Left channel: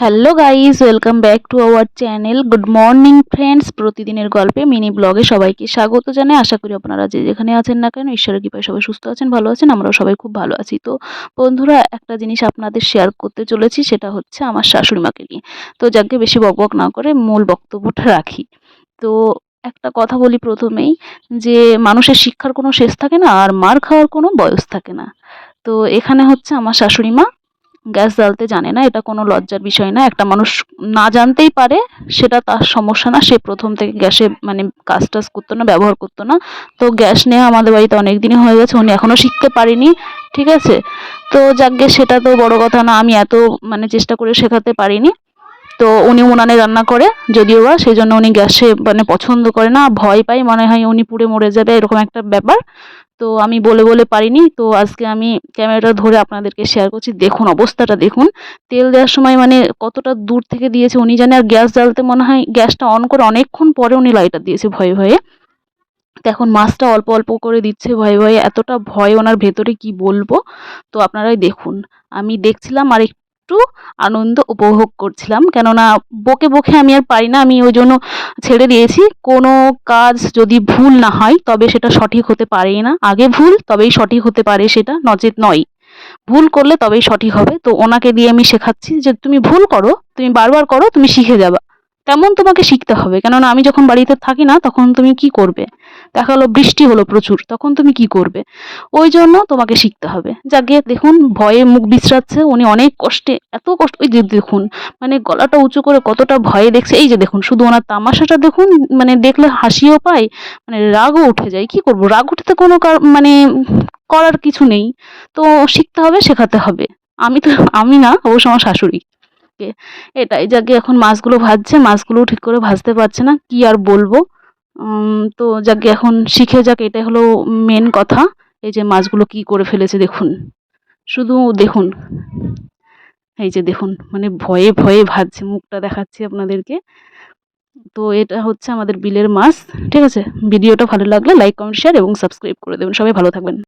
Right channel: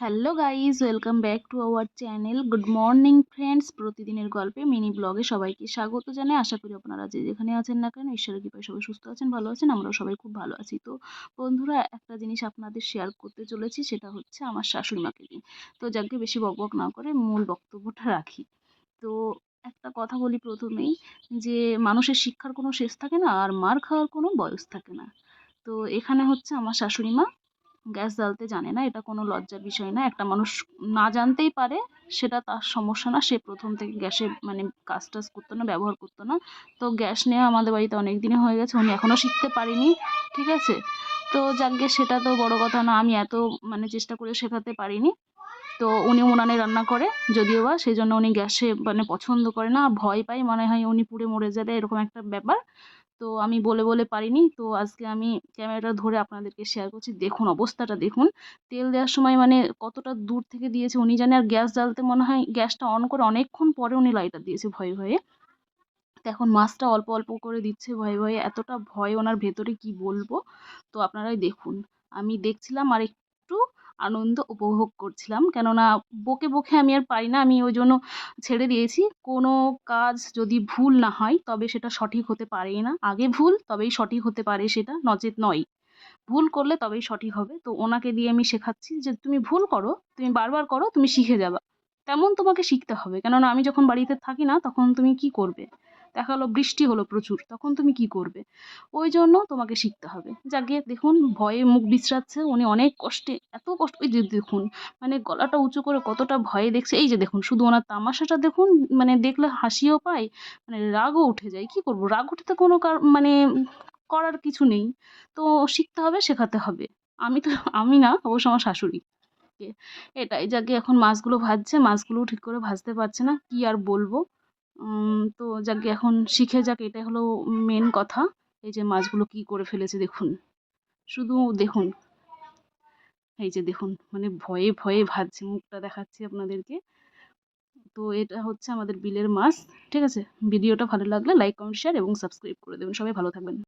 Hello guys, welcome back to our channel. Good morning friends. প্রতিদিনের গল্পে mini ব্লগে সবাইকে স্বাগত জানাই। আশা করি আপনারা যে যেখানে আছেন না কেন ঈশ্বরের কৃপায় সবাই সুস্থ আছেন, ভালো আছেন। আমরাও সবাই খুব ভালো আছি। তো বন্ধুরা, একটা জিনিস আপনাদের শেয়ার করতে চলেছি, সেটা হচ্ছে আমার শাশুড়ি মাকে নিয়ে। তো যাকে বেশি বকবক না করে মূল বক্তব্যটা রাখি। তো একটা কথা বলি প্রথমেই, যে মানুষের শিক্ষার কোনো শেষ থাকে না, আর মার খাওয়ার কোনো বয়স থাকে না। তো এখানে হচ্ছে আমার শাশুড়ি মা গ্যাস জ্বালতে জানে না, এটা কোনো লজ্জার বিষয় না। একটা মানুষ না জানতেই পারে, সেটা তার সমস্যা না। সে প্রথম থেকে গ্যাসে মানে কাজ টাজ করতো না, ব্যবহার করতো না। তো গ্যাস নেওয়া আমাদের বাড়িতে অনেক দিনই হয়ে গেছে, উনি এখনও শিখতে পারেনি। ঠিক আছে, তো যাকগে, সেটা তো বড় কথা না। আমি এত মানে চেষ্টা করে শেখাতে পারিনি। তো উনি উনানে রান্না করে, যদিও বা সেই জন্য উনি গ্যাসে মানে পছন্দ করে না, ভয় পায়, মনে হয় উনি পুড়ে মরে যাবে, এরকম একটা ব্যাপার। তো আমি বলে বলে পারিনি। তো আজকে আমি ক্যামেরাটা ধরে আপনাদেরকে শেয়ার করছি। দেখুন অবস্থাটা দেখুন। তেল দেওয়ার সময় মানে কতটা দূর থেকে দিয়েছে উনি জানে। আর গ্যাস জ্বালতে মনে হয় গ্যাসটা অন করে অনেকক্ষণ পরে উনি লাইটার দিয়েছে ভয়ে ভয়ে। তো এখন মাছটা অল্প অল্প করে দিচ্ছে ভয়ে ভয়ে। এতটা ভয় ওনার ভেতরে কি বলবো। তো আপনারাই দেখুন। আমি দেখছিলাম আর একটু আনন্দ উপভোগ করছিলাম, কেননা বকে বকে আমি আর পারি না। আমি ওই জন্য ছেড়ে দিয়েছি। কোনো কাজ যদি ভুল না হয় তবে সেটা সঠিক হতে পারেই না। আগে ভুল, তবেই সঠিক হতে পারে সেটা, নচেৎ নয়। ভুল করলে তবেই সঠিক হবে। তো ওনাকে দিয়ে আমি শেখাচ্ছি যে তুমি ভুল করো, তুমি বারবার করো, তুমি শিখে যাবা। তেমন তোমাকে শিখতে হবে, কেননা আমি যখন বাড়িতে থাকি না তখন তুমি কি করবে। দেখা গেলো বৃষ্টি হলো প্রচুর, তখন তুমি কি করবে। ওই জন্য তোমাকে শিখতে হবে। যাকে দেখুন ভয়ে মুখ বিচড়াচ্ছে উনি, অনেক কষ্টে, এত কষ্ট। ওই যে দেখুন, মানে গলাটা উঁচু করে কতটা ভয়ে দেখছে। এই যে দেখুন, শুধু ওনার তামাশাটা দেখুন। মানে দেখলে হাসিও পায়, মানে রাগও উঠে যায়। কি করব, রাগ উঠতে কোনো মানে করার কিছু নেই। তো শিখতে হবে, শেখাতে হবে। আমি তো, আমি না, অবশ্য আমার শাশুড়ি। এটাই। যাকে এখন মাছগুলো ভাজছে, মাছগুলোও ঠিক করে ভাজতে পারছে না, কি আর বলবো। তো যাকে এখন শিখে যাক, এটাই হলো মেন কথা। এই যে মাছগুলো কি করে ফেলেছে দেখুন, শুধু দেখুন। এই যে দেখুন, মানে ভয়ে ভয়ে ভাজছে, মুখটা দেখাচ্ছি আপনাদেরকে। তো এটা হচ্ছে আমাদের বিলের মাছ। ঠিক আছে, ভিডিওটা ভালো লাগলে লাইক, কমেন্ট, শেয়ার এবং সাবস্ক্রাইব করে দেবেন। সবাই ভালো থাকবেন।